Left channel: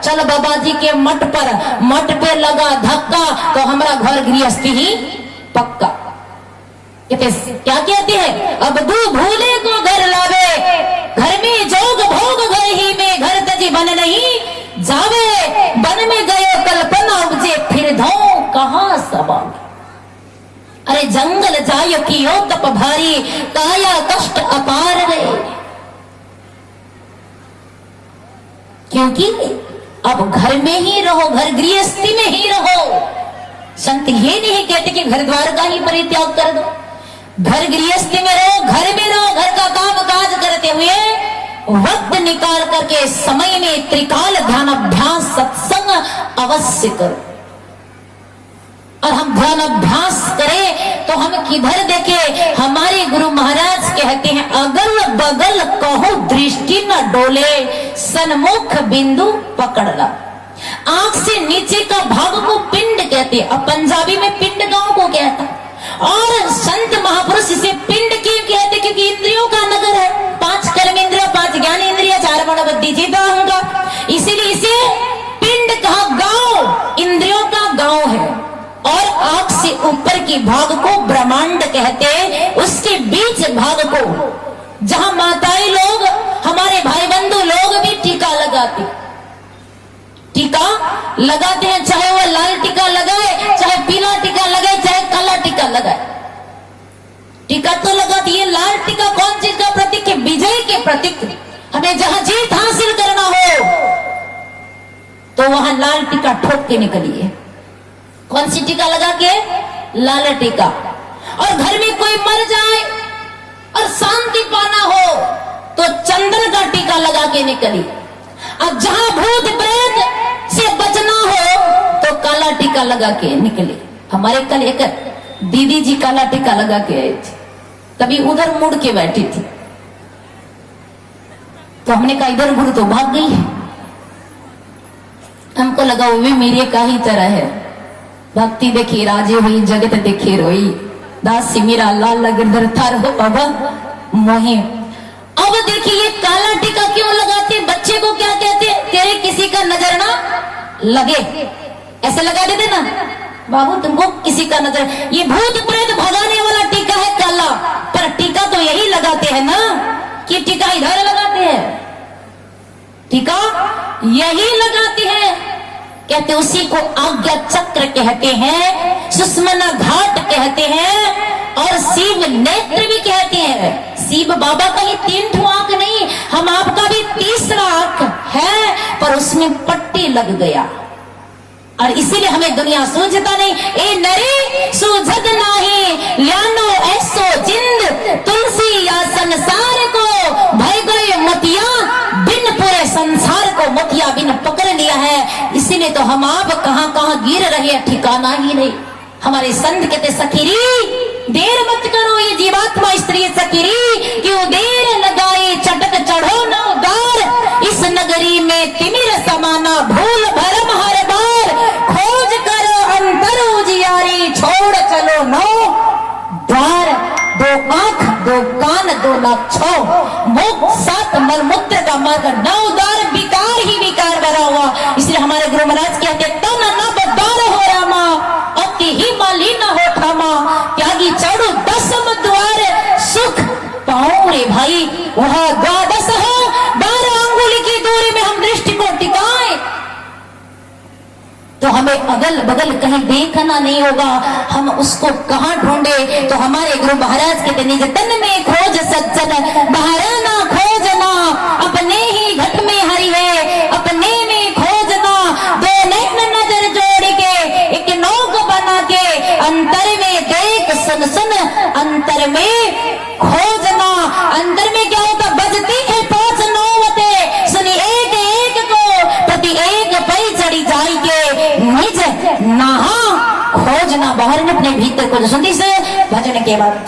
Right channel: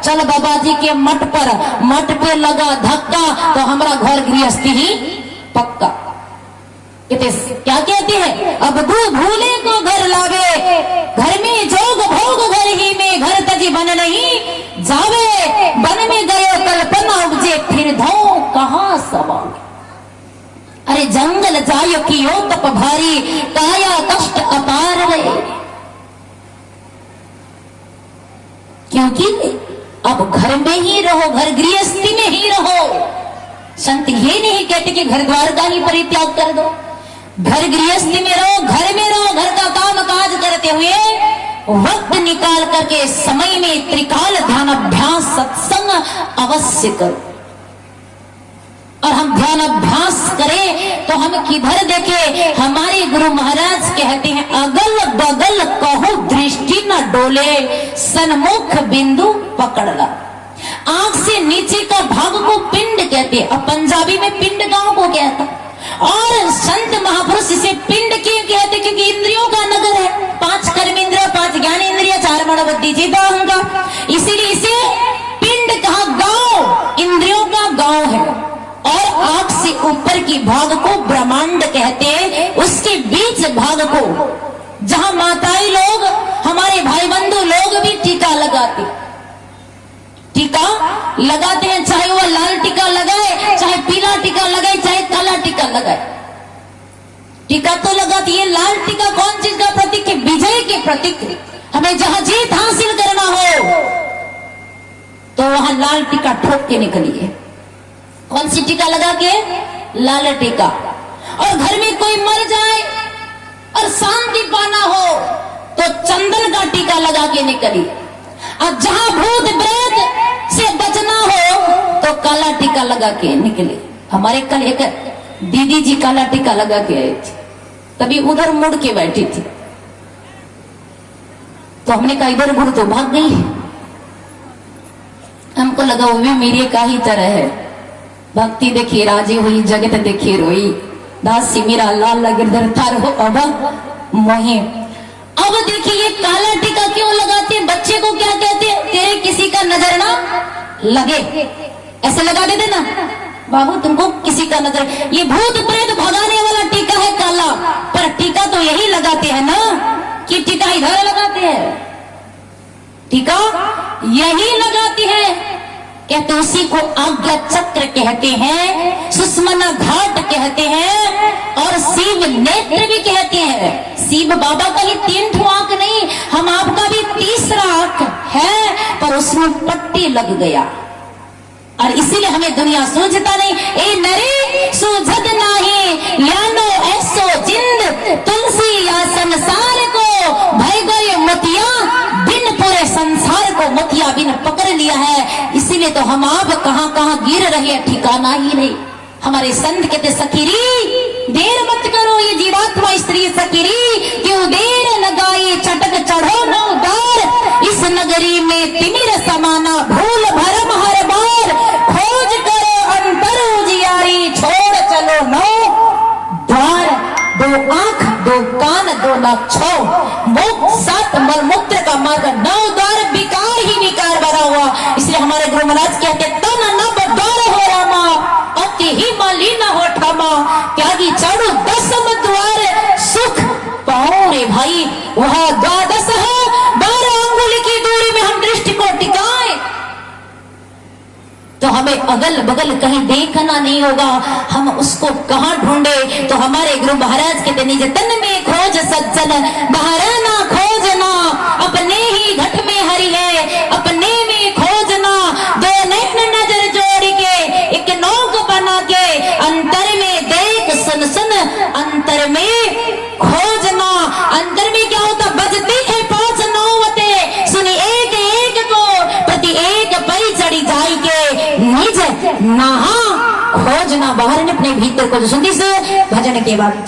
चल बाबा जी के मठ पे लगा धक्का तो हमारा घर गृहस्थी ही पक्का। क्या कहती है, अब दो भूले को घर लावे, घर में जोग भोग घर ही में, घर तजी बन नहीं जावे, बन में गए कल्पना उपजे फिर धो कहां सवाल। अरे जंगल जायो की यो तप भारी, काया कष्ट अपार है। क्योंकि अब घर में ही रहो, घर गृहस्थी में ही रहो। संत ये नहीं कहते कि घर द्वार का ही परित्याग कर दो, घर गृहस्थी में रहो, घर का काम काज करते हुए वक्त निकाल करके समय में त्रिकाल ध्यान अभ्यास सत्संग अवश्य करो। और हम ध्यान अभ्यास करें तो हम किधर देखें, हमारे गुरु महाराज कहते हैं अगल बगल कहो दृष्टि न डोले, सन्मुख बिंदु पकड़ ला। आंख से नीचे का भाग को पिंड कहते हैं, अब पंजाबी में पिंड गांव को कहता है। और संत महापुरुष इसे पिंड क्यों कहते, क्योंकि इंद्रियों का नगर है, 5 कर्मेंद्रिय, 5 ज्ञानेंद्रिय, 4 मनोबुद्धि जीवा अहंकार, इसीलिए इसे पिंड कहा, गांव इंद्रियों का गांव है। और आंख से ऊपर की भाग को ब्रह्मांड कहते हैं, उसके बीच भाग को जहां माताएं लोग, हमारे भाई बंधु लोग भी टीका लगाते हैं, चाहे वो लाल टीका लगाए, चाहे पीला टीका लगाए, चाहे काला टीका लगाए, टीका तो लगाती है। लाल टीका कौन चीज का प्रतीक है, विजय के प्रतीक। हमें जहां जीत हासिल करना हो तो वहां लाल टीका ठोक के निकलिए। कौन सी टीका लगा के, लाल टीका। और घर में कोई मर जाए और शांति पाना हो तो चंदन का टीका लगा के निकलिए। और जहां भूत प्रेत से बचना हो तो काला टीका लगा के निकले। हमारे कल एक दीदी जी काला टीका लगा के आई थी, तभी उधर मुड़ के बैठी थी, तो हमने कहा इधर घुड़ तो भाग गई है। हमको लगा वो भी मेरी का ही तरह है, भक्ति देखी राजी हुई, जगत देखी रोई, दास मेरा लाल गिरधर थर हो बाबा मोहे। अब देखिए काला टीका क्यों लगाते, बच्चे को क्या कहते, तेरे किसी का नजर ना लगे, ऐसे लगा देते ना, बाबू तुमको किसी का नजर। ये भूत प्रेत भगाने वाला टीका है काला, पर टीका तो यही लगाते हैं ना, कि टीका इधर लगाते हैं, टीका यही लगाते हैं। कहते उसी को आज्ञा चक्र कहते हैं, सुषमना घाट कहते हैं, और शिव नेत्र भी कहते हैं। शिव बाबा का ही 3 ठो आंख नहीं, हम आपका भी 3रा आंख है, पर उसमें पट्टी लग गया। और इसीलिए हमें दुनिया सूझता नहीं। ए नरे सूझत नाही, ल्यानो ऐसो जिंद, तुलसी या संसार को भय गए मोतिया, बिन परे संसार को मोतिया बिन पकड़ लिया है। इसीलिए तो हम आप कहां कहां गिर रहे हैं, ठिकाना ही नहीं। हमारे संत कहते सखीरी देर मत करो, ये जीवात्मा स्त्री सखीरी क्यों देर लगाई, चटक चढ़ो न उदार, इस नगरी में तिमिर समाना, भूल भरम हर बार, खोज करो अंतर उजियारी, छोड़ चलो नौ द्वार, 2 आंख 2 कान 2 नाक 6 मुख 7 मलमूत्र का मार्ग, 9 द्वार विकार ही विकार भरा हुआ। इसलिए हमारे गुरु महाराज कहते तन न बदार हो रामा, अति ही मालिन हो ठामा, त्यागी चढ़ो 10 द्वार, सुख पाओ रे भाई वहां 12 है, 12 अंगुली की दूरी में हम दृष्टि को टिकाएं तो हमें अगल बगल कहीं देखना नहीं होगा। हम उसको कहां ढूंढे, तो हमारे गुरु महाराज के निज तन में खोज सज्जन, बाहर ना खोजना, अपने ही घट में हरि है, अपने में खोजना, 2 नैन नजर जोड़ के एक नौक बना के, अंतर में देख सुन सुन अंतर में खोजना। अंतर में क्या होता, बजती है 5 नौवते, सुनी एक एक को, प्रति एक पै चढ़ी जाएंगे, निज नहा खोजना, बाहर में अपने भीतर को सुनती से भजन के बाद